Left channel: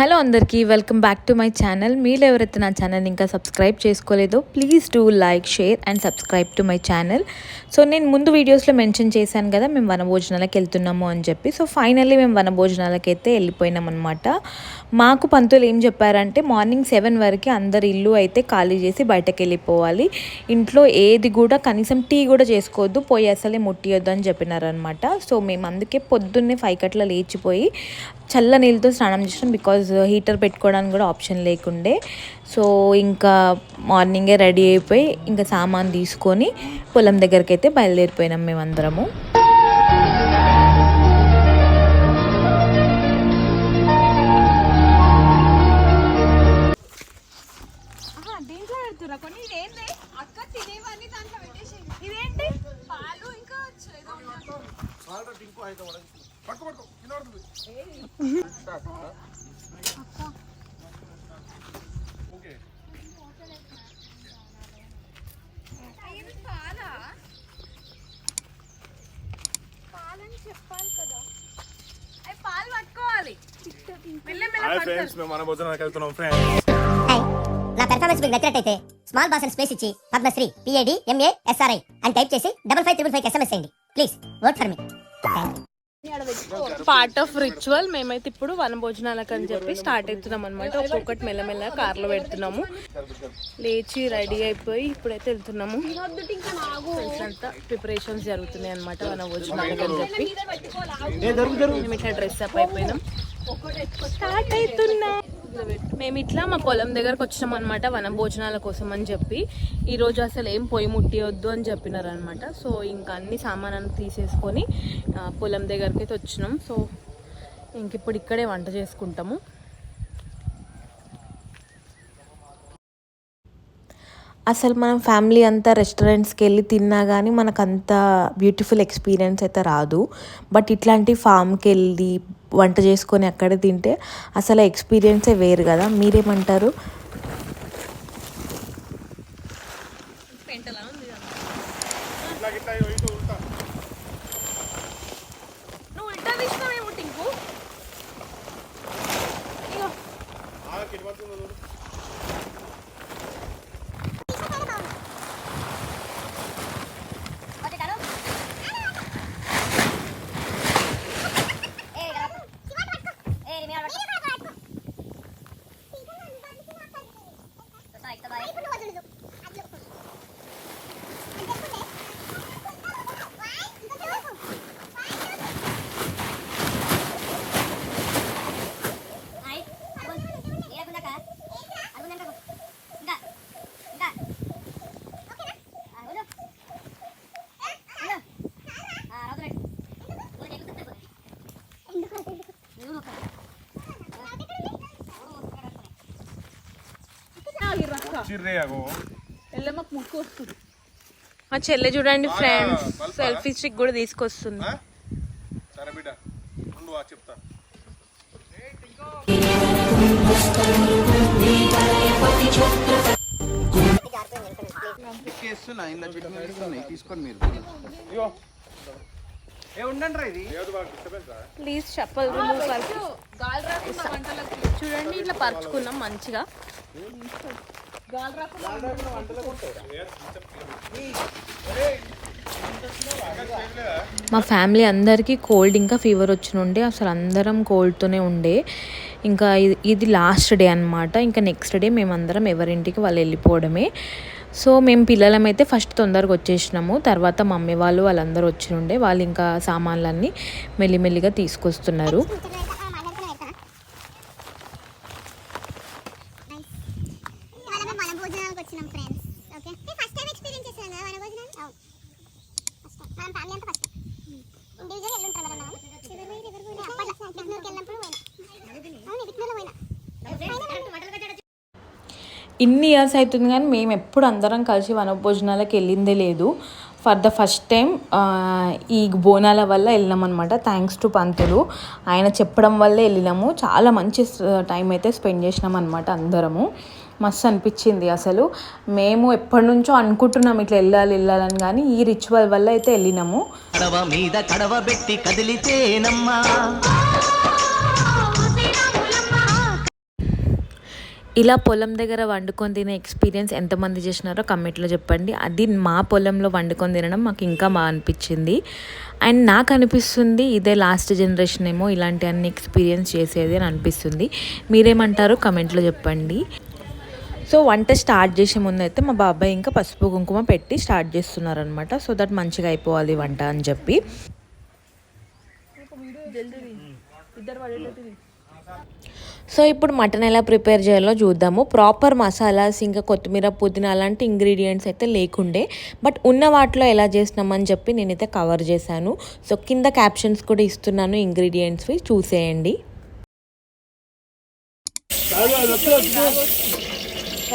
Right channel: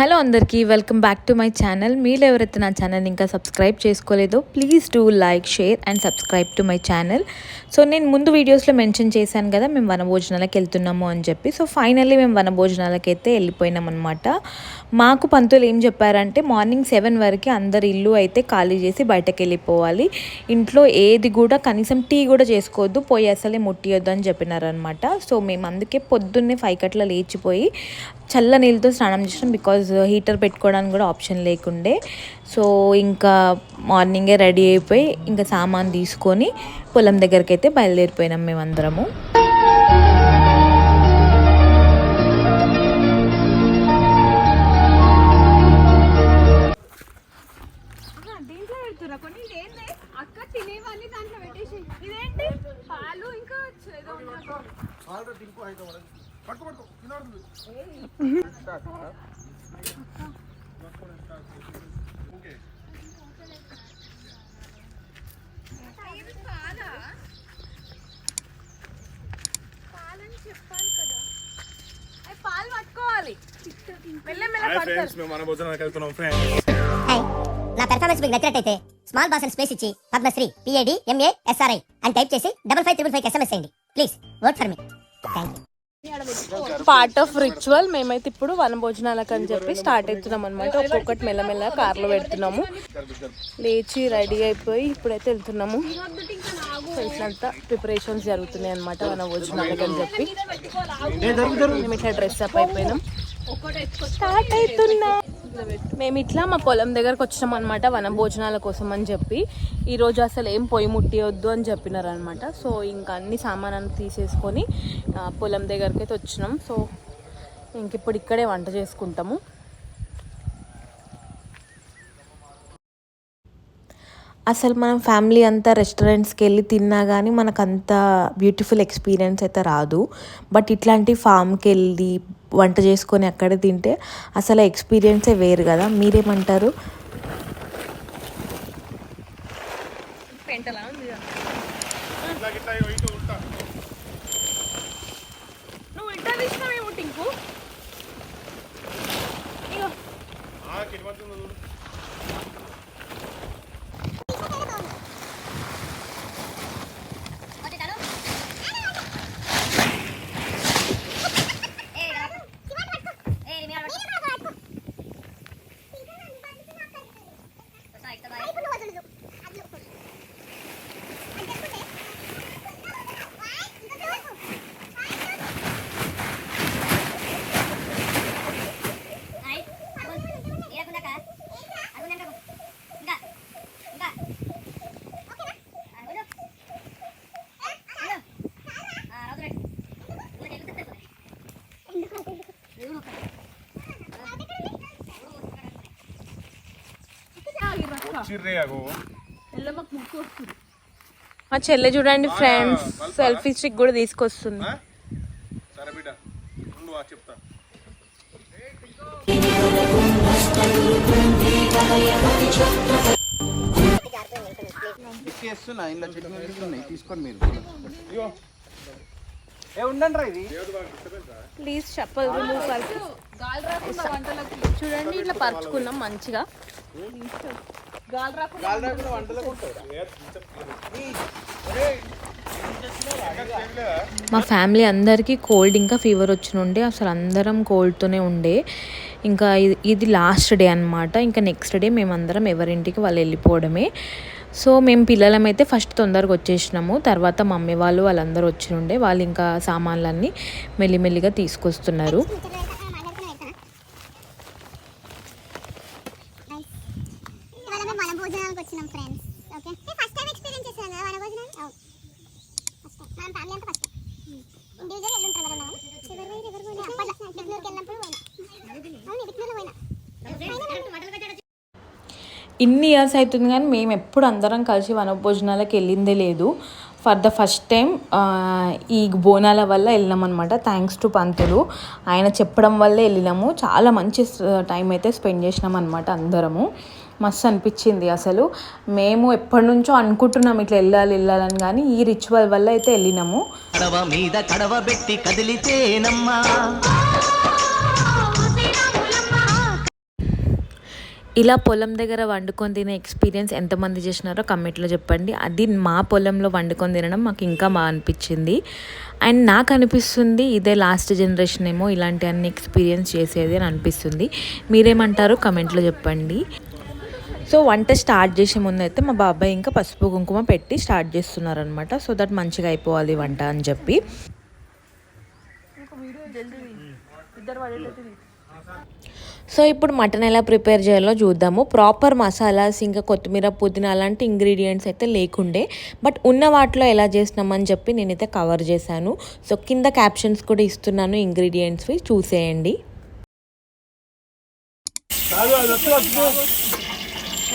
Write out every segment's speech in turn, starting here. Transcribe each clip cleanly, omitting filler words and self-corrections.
Hello అందరికీ welcome back to my channel. మీరు ఎవరైతే నా ఛానల్ని ఇంకా సబ్స్క్రైబ్ చేసుకోలేదో please do like, share and subscribe to my channel. So నేను ముందు వీడియోస్లో మెన్షన్ చేశాను కదా మేము వనభోజనాలకు వెళ్తున్నాము అని చెప్పి. సో ఫైనల్లీ మేము వనభోజనాలకు అయితే వెళ్ళిపోయినాం అనమాట. మాకు పంతులు ఏం చెప్పారంటే మార్నింగ్ 7 వరకు అందరి ఇల్లు అయితే ఖాళీ చేసి బయటకు వెళ్ళిపోవాలి, ఇంట్లో ఏది కూడా కనీసం టీ కూడా చేసుకోవద్దు, పోయి అసలే ముట్టియొద్దు అని చెప్పినారనమాట. సో మేము అందుకే పొద్దున్నే 5 గంటల లేచిపోయి చల్ల నీళ్ళతో స్నానం చేసినాం, బికాజ్ హీటర్ పెట్టుకోవడానికి కూడా ఆప్షన్ లేకుండే. సో ఇంకా మార్నింగే రెడీ అయిపోయి ఇంకా సామాన్ తీసుకొని పొలం దగ్గరికి అయితే బయలుదేరిపోయినాం మేమందరము. హాయ్ ఫ్రెండ్స్, మేము వనభోజనానికి వెళ్తున్నాం ఫ్రెండ్స్. హాయ్, నా పెర్ఫార్మెన్స్ మీకు నచ్చినట్టయితే స్మాల్ బాస్ అని స్పేస్ ఇచ్చి పద్మశ్రీ PADMASRI అని టైప్ చేసి 5555 SMS చేయండి. Please work for me. Thank you. Part of ritual మేమైతే ఇప్పుడు వనభోజనాలకు అని చెప్పి స్టార్ట్ అవుతున్నాం అనమాట. ఒక్కొక్కటి మెల్లమెల్ల కార్లో పెడుతున్నాము. లేచి రెడీ అయిపోయి ఇప్పుడైతే వెళ్తున్నాము. అంతా ప్రిపరేషన్స్ జరుగుతున్నాయి అనమాట వనభోజనాలకు అని చెప్పి. మేము ఇట్లా డ్రెస్ అప్ అయిపోయినాం, స్టార్ట్ అవుతున్నా. మేము ఇట్లా మా పొలం దగ్గరకు వచ్చినాం అనమాట వనభోజనాల కోసం అని చెప్పి. ఈరోజు అసలు ఏం పొయ్యి ముట్టియొద్దు అని చెప్పినారు అనమాట. సో ఇంకా అన్ని సామానాన్ని తీసేసుకొని పొలం దగ్గరికి అయితే వచ్చినాం. సో ఇంక ఇప్పుడు ఇక్కడే వంట చేసుకుంటాము. అసలు మనం ఫ్యామిలీ అంతా రెస్టారెంట్స్కి వెళ్ళి తిన్నా కానీ మనకు అంత బ్యూటిఫుల్ ఎక్స్పీరియన్స్ అయితే రాదు. బట్ ఇట్లాంటి ఫామ్కి వెళ్ళి వంట చేసుకొని అక్కడే తింటే అసలు ఎక్స్పీరియన్సే వేరు కదా. మీరేమంటారు? మా చెల్లె చూడండి ఫ్రెండ్స్, సెల్ఫీ స్టిక్ కూడా తీసుకొస్తుంది. ప్లీజ్ చెప్పలు రిమూవ్ కలిపి చూడండి, ఇట్లా పరుచుకున్నాం మంచిగా. మా ఫ్యామిలీ అందరికీ కోల్డ్ ఇంకా ఫీవర్ వచ్చినుండే, అసలు అందరం కోల్డ్తోనే ఉండే. ఇంకా ఇది లాస్ట్ డే అనమాట. ఇంకా నెక్స్ట్ డే మేమందరం ఎవరింటికి వాళ్ళు వెళ్ళిపోవడమే. సో మేము పిల్లలమైతే ఫస్ట్ తొందరగా వచ్చేసినాము. తర్వాత మమ్మీ వాళ్ళందరూ వచ్చినుండే, వాళ్ళు ఇంకా సామాన్లన్నీ మెల్లిమెల్లిగా తీసుకొస్తున్నారు. ఇన్ని ఇయర్స్ అవుతుంది కానీ మేము ఎప్పుడు అందరం కలిసి వనభోజనాలకు వెళ్ళిందే లేదు. ఫర్ ద ఫస్ట్ టైం ఈ బోనాల వల్ల వెళ్ళినాం అనమాట. థ్యాంక్స్ టు పంతులు, ఆయన చెప్పడం వల్లే వెళ్ళినాము. చాలా మంచి టైం అయితే స్పెండ్ చేసినాం అనమాట అందరము. మస్తు అనిపించింది అసలు. మేము ఎప్పటి నుంచో అనుకుంటున్నాం ఇట్లా వెళ్ళాలని, కానీ ఈ రిచువల్ వల్ల అయితే వెళ్ళినాము. ఇలా పొలం దగ్గర వండుకొని తినే ఎక్స్పీరియన్స్ ఎంతమంది చేసినారో కమెంట్లో చెప్పండి. అది మా పొలంలో వండుకొని తినడం మాకు ఇంకా బాగా అనిపించింది. అండ్ నాకు అనిపిస్తుంది ఇదే లాస్ట్ జనరేషన్ ఏమో ఇలాంటి అన్ని ఎక్స్పీరియన్స్ చేసేది అని అనిపిస్తుంది. మీరేమంటారో కమెంట్లో చెప్పండి. సో వంట స్టార్ట్ చేసే ముందు అయితే మా బాబాయ్ ఇంకా పసుపు కుంకుమ పెట్టి స్టార్ట్ చేస్తున్నారనమాట. సో దట్ మంచిగా అయిపోవాలి వంట అని చెప్పి. సో ఇప్పుడు మటన్ ఎలా ప్రిపేర్ చేయాలో చూద్దాము. ప్రాపర్ మసాలాస్ ఇంకా కొత్తిమీర పుదీనా అలాంటి ఇంగ్రీడియంట్స్ అయితే లేకుండే, బట్ ఉన్న వాటిలో ఎలా చేసినామని చెప్పి నేనైతే కవర్ చేశాను. సో కింద క్యాప్షన్స్ కూడా ఇస్తున్నాను ఇంగ్రీడియంట్స్వి, చూసేయండి.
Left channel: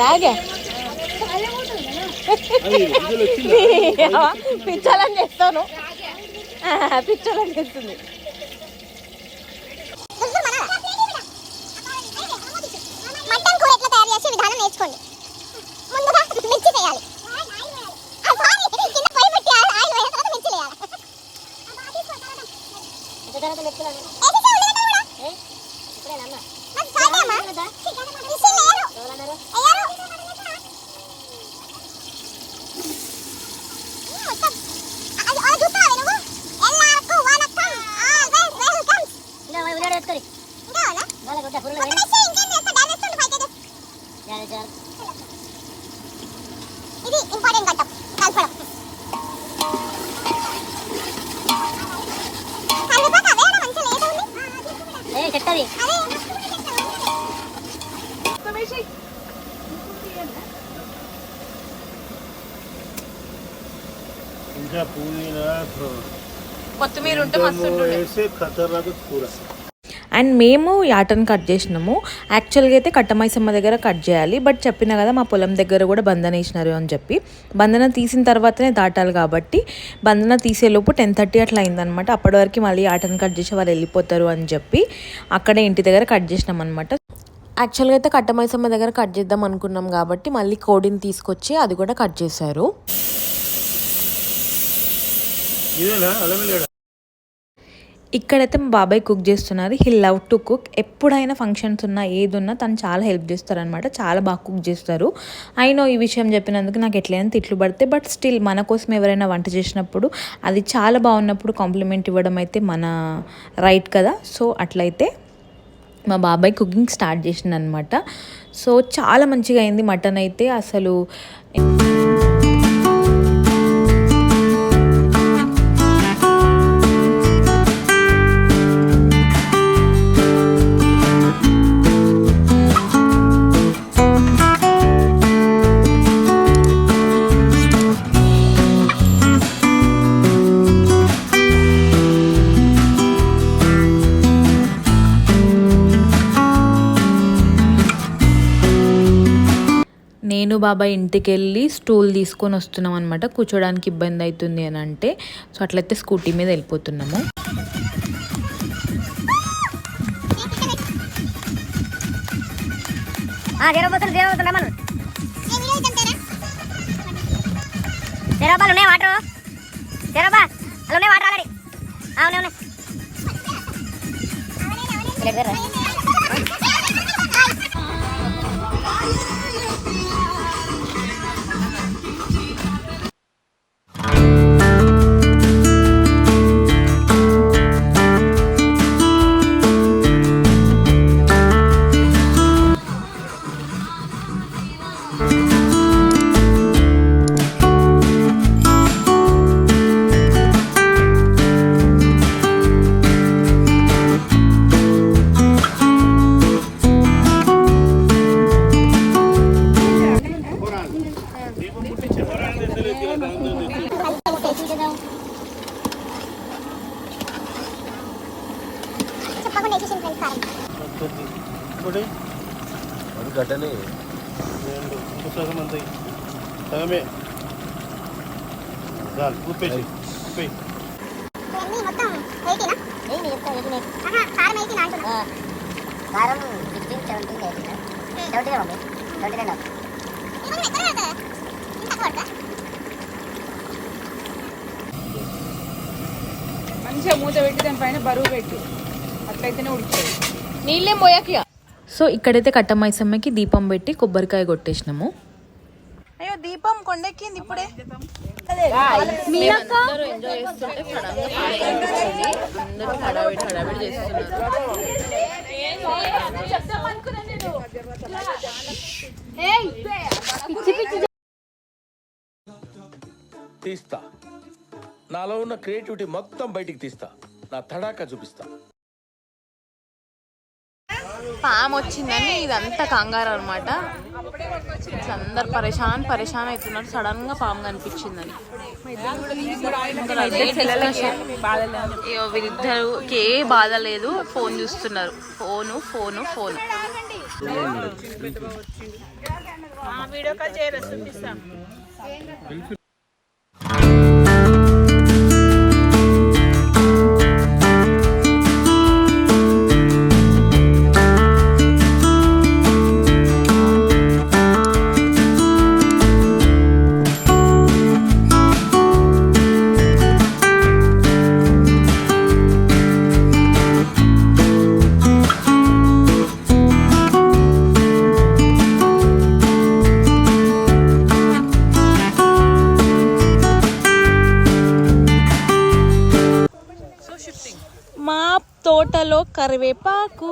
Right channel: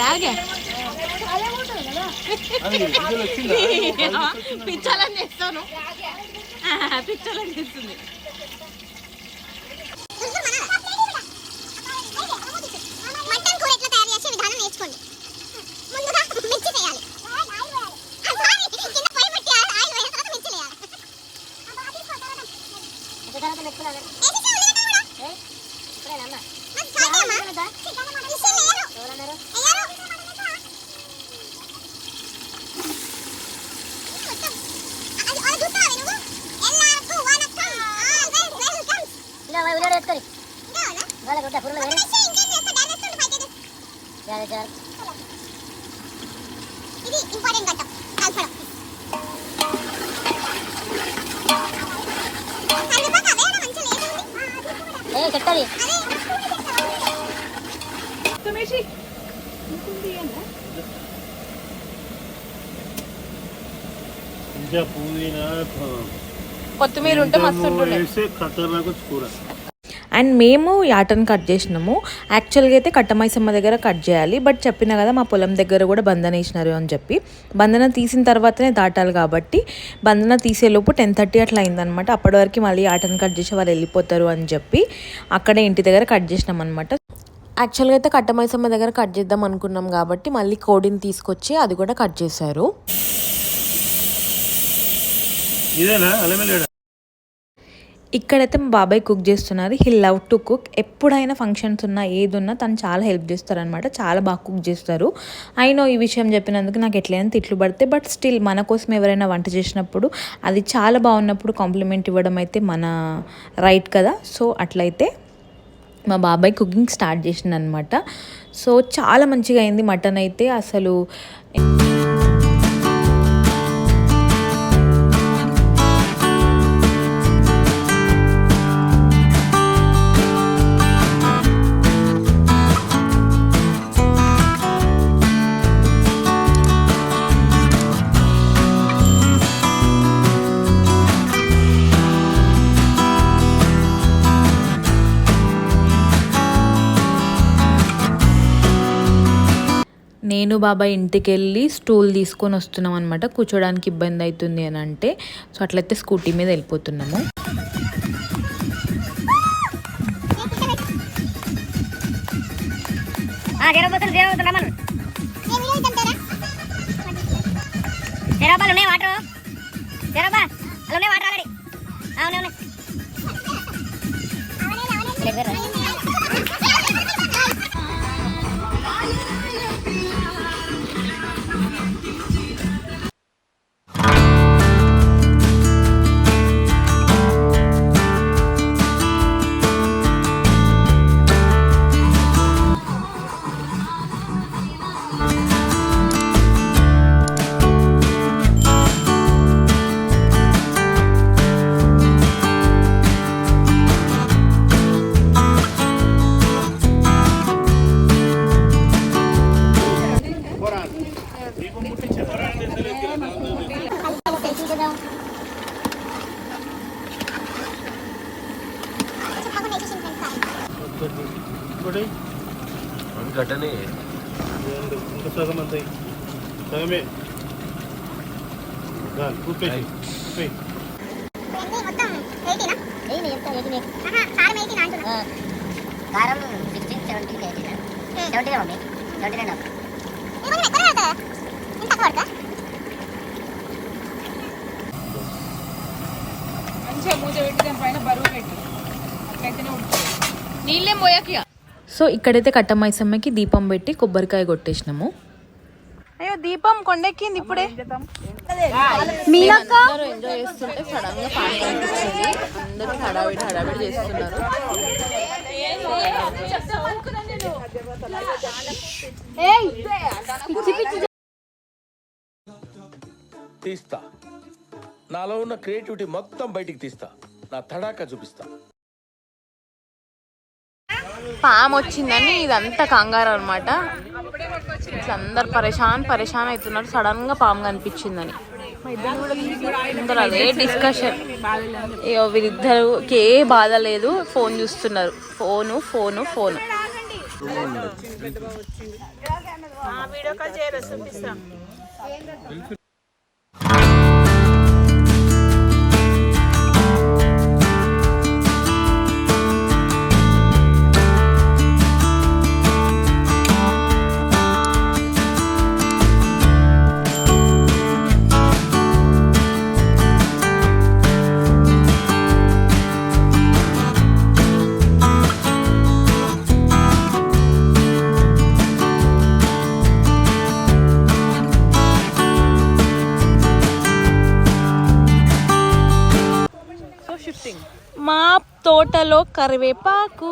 రాగా పిచ్చాలని చేస్తాను, పిచ్చాలని చేస్తుంది. మటన్ కూర ఎట్లా తయారు చేసే విధానం నేర్చుకోండి. ముందుగా మిర్చి వేయాలి. ఇది ఇంపార్టెంట్ ఘట్టం, కలపడం. చెట్టది కొత్తిమీర ఉంటే మస్తు ఉంటుండే. అండ్ మేము యాటను కట్ చేసినాము. యాక్చువల్గా అయితే కట్టమైసమ్మ దగ్గర కట్ చేయాలి, బట్ చెప్పినా కదా మా పొలం దగ్గర కూడా బంధన వేసినారు అని చెప్పి. బంధన తీసిన తర్వాతనే దాటాలి కాబట్టి బంధన తీసేలోపు 10:30 అట్లా అయిందనమాట. అప్పటి వరకు మళ్ళీ యాటను కట్ చేసి వాళ్ళు వెళ్ళిపోతారు అని చెప్పి అక్కడే ఇంటి దగ్గర కట్ చేసినాం అనమాట. యాక్చువల్గా అయితే కట్టమైసమ్మ దగ్గర కట్ చేద్దాం అనుకున్నాం కాబట్టి మళ్ళీ కోడిని తీసుకొచ్చి అది కూడా కట్ చేశారు. ఇక్కడైతే మా బాబాయ్ కుక్ చేస్తున్నారు. He love to cook. ఎప్పుడైనా ఫంక్షన్స్ ఉన్నా ఏది ఉన్నా తను చాలా హెల్ప్ చేస్తారనమాట. చాలా బాగా కుక్ చేస్తారు. అయినో ఈ విషయం చెప్పినందుకు నాకు ఎట్లయినా తిట్లు పడితే, బట్ స్టిల్ మన కోసం ఎవరైనా వంట చేసినప్పుడు అది చాలా బాగున్నప్పుడు కాంప్లిమెంట్ ఇవ్వడం అయితే మన రైట్ కదా. సో అట్లయితే మా బాబాయ్ కుకింగ్ స్టార్ట్ చేసిండు అనమాట. సో చాలా మంచిగా అయింది మటన్ అయితే. అసలు నేను బాబాయ్ ఇంటికి వెళ్ళి స్టూల్ తీసుకొని వస్తున్నాం అనమాట. కూర్చోడానికి ఇబ్బంది అవుతుంది అని అంటే, సో అట్లయితే స్కూటీ మీద వెళ్ళిపోతున్నాము. ఘటనే కారం 16, 17, 18 72 మమ్మీ 72 మంచిగా మూత పెట్టి దాని పైన బరువు పెట్టి అట్లయితేనే ఉడుకుతుంది. నీళ్ళేం పోయాక సో ఇక్కడైతే కట్టమైసమ్మకి దీపం పెట్టి కొబ్బరికాయ కొట్టేసినాము. అయ్యో దీపం కొండెక్కింది ఇప్పుడే. అందరూ ఎంజాయ్ చేస్తుంటే సడన్ గా పాము కనిపించింది. అందరూ హడావిడి చేస్తున్నారు. తీస్తా, నాలో ఉన్న క్రియేటివిటీ మొత్తం బయటికి తీస్తా, నా తడాకా చూపిస్తా. పాము వచ్చిందని ఇదంతా కంగారు అనమాట. ఇట్లా అందరు పరేషాన్ అవుతున్నారు సడన్ గా పాము కనిపించిందని. అందరూ అదే డిస్కషన్. వీరిద్దరికి ఏ బాధ లేదు, ఫోన్ చూస్తున్నారు. ఫోను. మా తోటలో కరివేపాకు.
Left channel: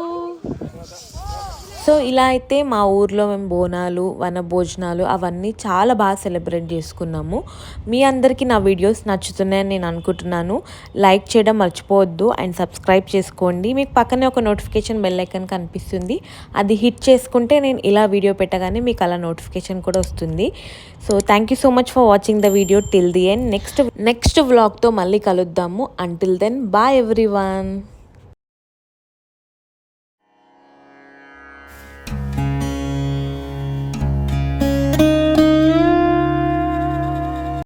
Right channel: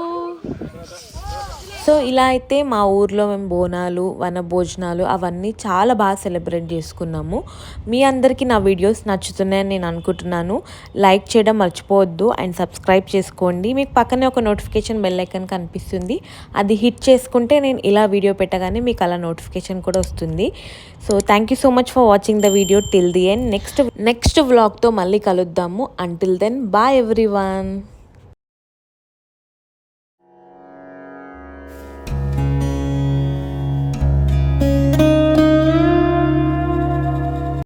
సో ఇలా అయితే మా ఊర్లో మేము బోనాలు, వనభోజనాలు అవన్నీ చాలా బాగా సెలబ్రేట్ చేసుకున్నాము. మీ అందరికీ నా వీడియోస్ నచ్చుతున్నాయని నేను అనుకుంటున్నాను. లైక్ చేయడం మర్చిపోవద్దు అండ్ సబ్స్క్రైబ్ చేసుకోండి. మీకు పక్కనే ఒక నోటిఫికేషన్ బెల్ ఐకాన్ కనిపిస్తుంది, అది హిట్ చేసుకుంటే నేను ఇలా వీడియో పెట్టగానే మీకు అలా నోటిఫికేషన్ కూడా వస్తుంది. So thank you so much for watching the video till the end. Next వ్లాగ్తో మళ్ళీ కలుద్దాము. Until then bye everyone.